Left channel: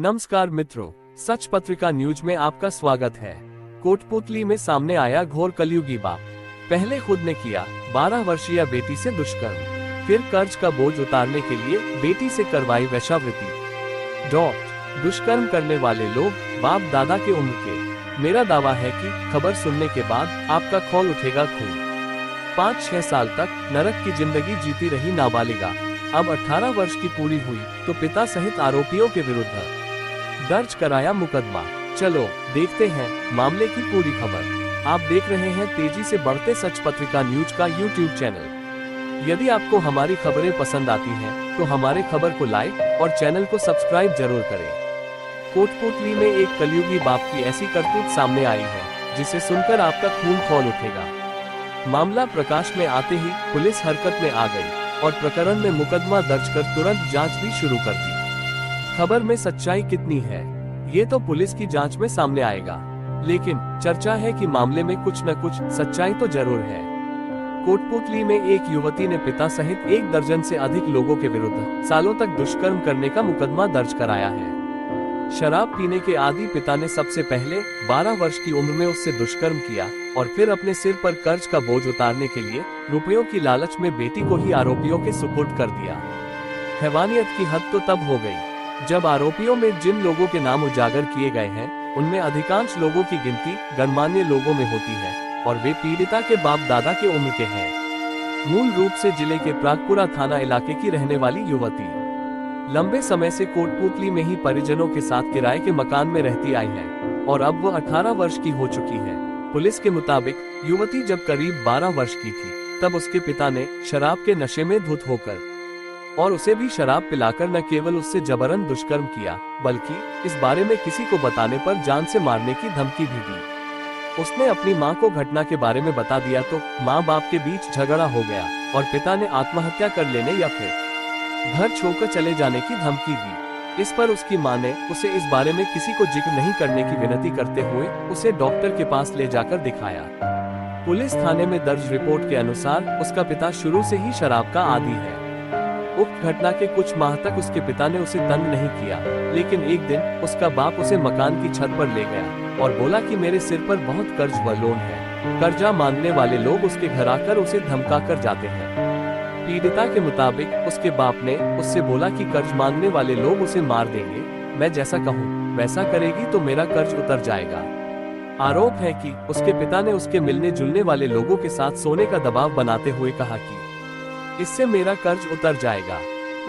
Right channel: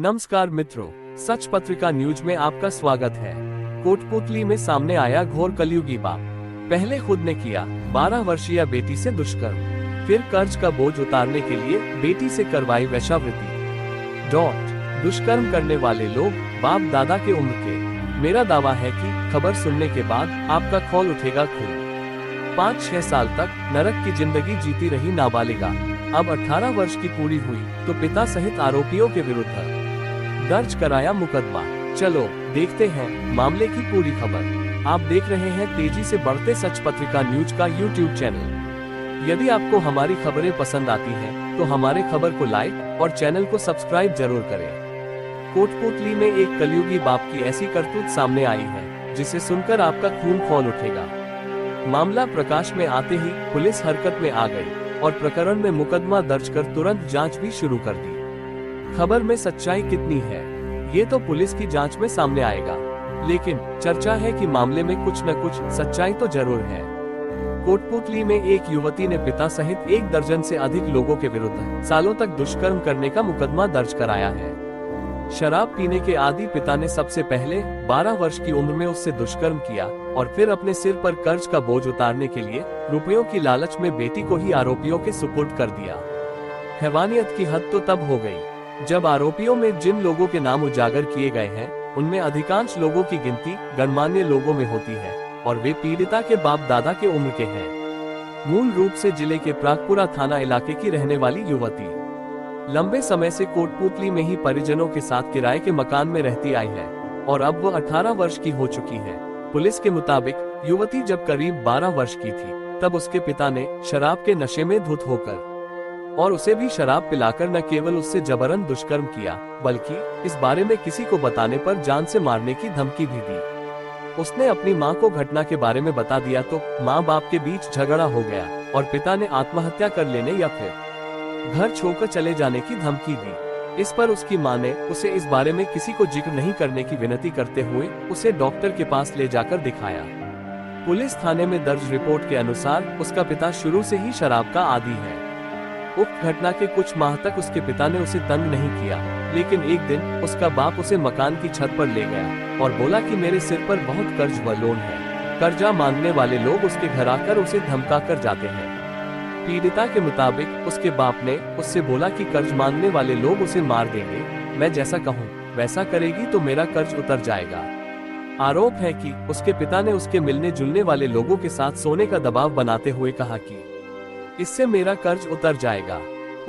नमस्कार मित्रों, सच पत्रिका न्यूज में आपका स्वागत है। कोटपूतली में सामने आया घोर कलयुगी बाप। पहले खुद ने किया 12 वर्षीय बेटी से दुष्कर्म, फिर कर्ज का बोझ उतारने के लिए बेटी से करवाई वेश्यावृत्ति। दुष्कर्म करने वाले लोग बाप दादा के उम्र के। मेरा दावा है कि खबर सुनने के बाद आपका खौल उठेगा खून। 5-6 साल तक नरक की जिंदगी जीती रही नाबालिगा अब 18 वर्ष की पूरी हुई तो पिता सहित आरोपियों के विरुद्ध दर्ज कराया मुकदमा। चलो देखते हैं मामले की पूरी खबर। आप देख रहे हैं तेजी से बढ़ते सच पत्रिका न्यूज का यूट्यूब चैनल। यदि आपको हमारी खबरें पसंद आती हैं, तो हमारे खबर को लाइक और चैनल को सब्सक्राइब जरूर करें। कोटपूतली में एक कलयुगी बाप की ऐसी करतूत सामने आई है जिसे सुनकर आपका खून खौल उठेगा। मामला प्रकाश में आते ही पुलिस हरकत में आ गई और प्रकरण में मुकदमा दर्ज कर तुरंत जांच भी शुरू कर दी। खबर में सच्चाई कितनी है ये तो पुलिस की जांच में सामने आएगा, लेकिन चर्चा है कि मामले में कुछ न कुछ सच्चाई तो जरूर है। कोटपूतली में एक युवती ने पिता सहित 1 दर्जन से अधिक लोगों के विरुद्ध सालों तक दुष्कर्म करने का मुकदमा दर्ज कराया है। शराब पीने के आदी पिता ने सबसे पहले 12 वर्ष की उम्र में उससे दुष्कर्म किया और फिर अपने सिर पर कर्ज का बोझ उतारने के लिए रुपयों की लालच में बेटी को ही आरोपियों के सुपुर्द कर दिया। हैवानियत की हद तो तब हो गई जब आरोपियों में जिन लोगों के नाम उजागर किए गए हैं, उनमें अधिकांश लोगों की गिनती गणमान्य लोगों में होती है और वे पीड़िता के बाप दादा के उम्र के हैं। मूल रूप से जिले के प्रागपुरा थाना इलाके की रहने वाली युवती लंबे समय से कोटपूतली में ही परिजनों के साथ किराए के मकान में रहती आई है और अब वो 18 वर्ष की हो चुकी है। पुलिस के मुताबिक युवती जब करीब 12 वर्ष की थी तब उसके पिता ने शराब के नशे में धुत होकर और उसे भी शराब पिलाकर न केवल उससे जबरन दुष्कर्म किया, बल्कि इस बारे में किसी को बताने पर जान से मारने की धमकी भी दी। उसने अपनी मां को घटना के बारे में बता दिया तो मां बाप के बीच झगड़ा हो गया और पिता ने आत्महत्या कर लेने या फिर घर छोड़कर चले जाने की धमकी दी। इस पर उसकी मां ने उसे इस बारे में किसी को जिक्र नहीं करने की विनती करते हुए उसे डॉक्टर के पास ले जाकर दिखाया। पुलिस थाने में दर्ज रिपोर्ट के अनुसार उसका पिता शुरू से ही शराब का आदी है। उक्त घटना के कुछ माह तक उसके पिता ने उसे तंग नहीं किया, लेकिन एक दिन उसका बाप उसे मकान की छत पर ले गया और बोला कि मेरे सिर पर बहुत कर्ज व लोन है। कर्जा मांगने वाले लोग उसके घर आकर उसे धमका कर जाते हैं। पीड़िता के मुताबिक उसके बाप ने उससे बोला कि कर्ज मांगने वाले लोग उसे मार देंगे, मैं जैसा कहूँ वैसा करेगी तो मेरा कर्ज उतर जाएगा। आरोप है कि उसके पिता ने उसके मिलने जुलने वाले लोगों के साथ सोने का दबाव बनाते हुए कहा कि इससे मेरा कर्ज उतर जाएगा।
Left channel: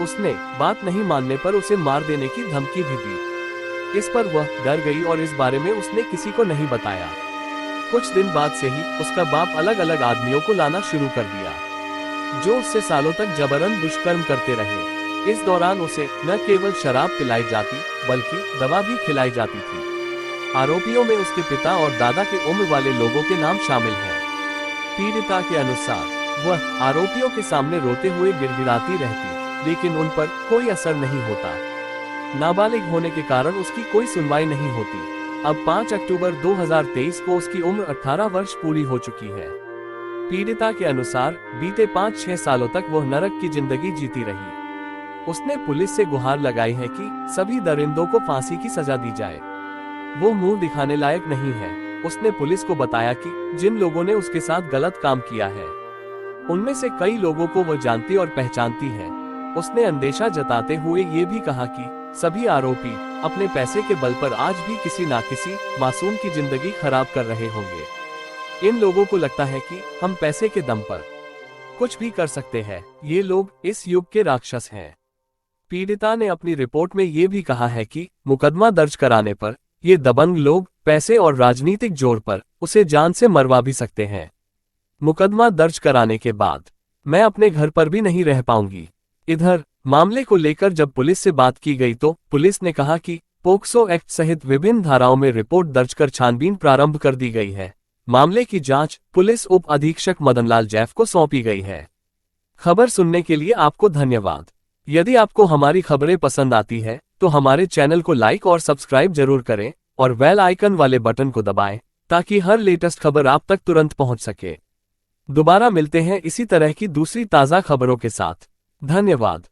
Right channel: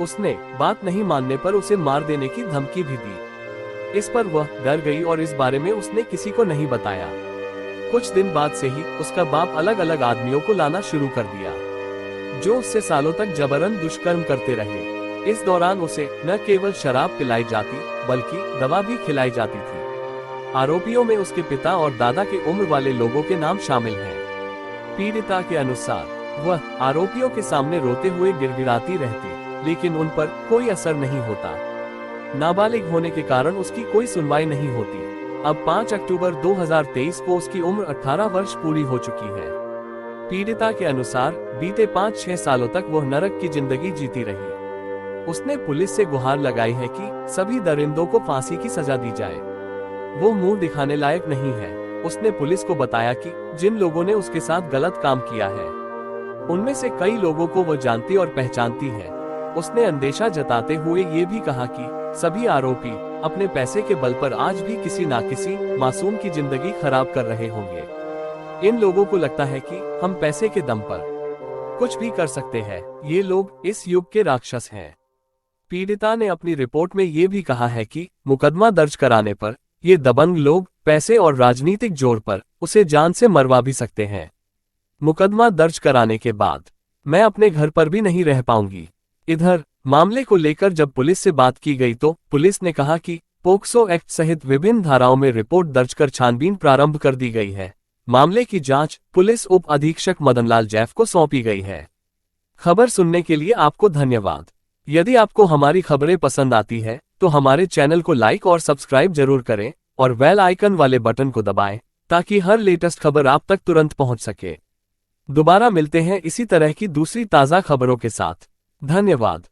उसने बात नहीं मानने पर उसे मार देने की धमकी भी दी। इस पर वह डर गई और इस बारे में उसने किसी को नहीं बताया। कुछ दिन बाद से ही उसका बाप अलग अलग आदमियों को लाना शुरू कर दिया जो उससे सालों तक जबरन दुष्कर्म करते रहे। इस दौरान उसे न केवल शराब पिलाई जाती बल्कि दवा भी खिलाई जाती थी। आरोपियों में उसके पिता और दादा के उम्र वाले लोगों के नाम शामिल हैं। पीड़िता के अनुसार वह आरोपियों के सामने रोते हुए गिड़गिड़ाती रहती, लेकिन उन पर कोई असर नहीं होता। नाबालिग होने के कारण उसकी कोई सुनवाई नहीं होती। अब 5 अक्टूबर 2023 को उसकी उम्र 18 वर्ष पूरी हो चुकी है। पीड़िता के अनुसार बीते 5-6 सालों तक वह नरक की जिंदगी जीती रही। उसने पुलिस से गुहार लगाई है कि सभी दरिंदों को फांसी की सजा दी जाए। वो मुंह दिखाने लायक नहीं है। उसने पुलिस को बताया कि जिन लोगों ने उसके साथ गलत काम किया है उनमें से कई लोगों को वो जानती और पहचानती है। उसने अंदेशा जताते हुए ये भी कहा कि सभी आरोपी अपने पैसे के बल पर आज भी किसी ना किसी मासूम की जिंदगी खराब कर रहे होंगे। इन लोगों को लगता है कि हम पैसे के दम पर कुछ भी कर सकते हैं। ये लोग इस युग के राक्षस हैं। पीड़िता ने अपनी रिपोर्ट में ये भी कहा है कि मुकदमा दर्ज कराने पर ये दबंग लोग पैसे और राजनीतिक जोर पर उसे जान से मरवा भी सकते हैं। मुकदमा दर्ज कराने के बाद मैं अपने घर पर भी नहीं रह पाऊंगी। इधर मामले को लेकर जब पुलिस से बात की गई तो पुलिस ने कहा कि पोक्सो एक्ट सहित विभिन्न धाराओं में रिपोर्ट दर्ज कर छानबीन प्रारंभ कर दी गई है। मामले की जांच पुलिस उप अधीक्षक मदनलाल जैफ को सौंपी गई है। खबर सुनने के लिए आपको धन्यवाद। यदि आपको हमारी खबरें पसंद आती है तो हमारे चैनल को लाइक और सब्सक्राइब जरूर करें और बेल आइकन वाले बटन को दबाएं ताकि हर लेटेस्ट खबर आप तक तुरंत पहुंच सके। दोबारा मिलते हैं इसी तरह की दूसरी ताज़ा खबरों के साथ। धन्यवाद।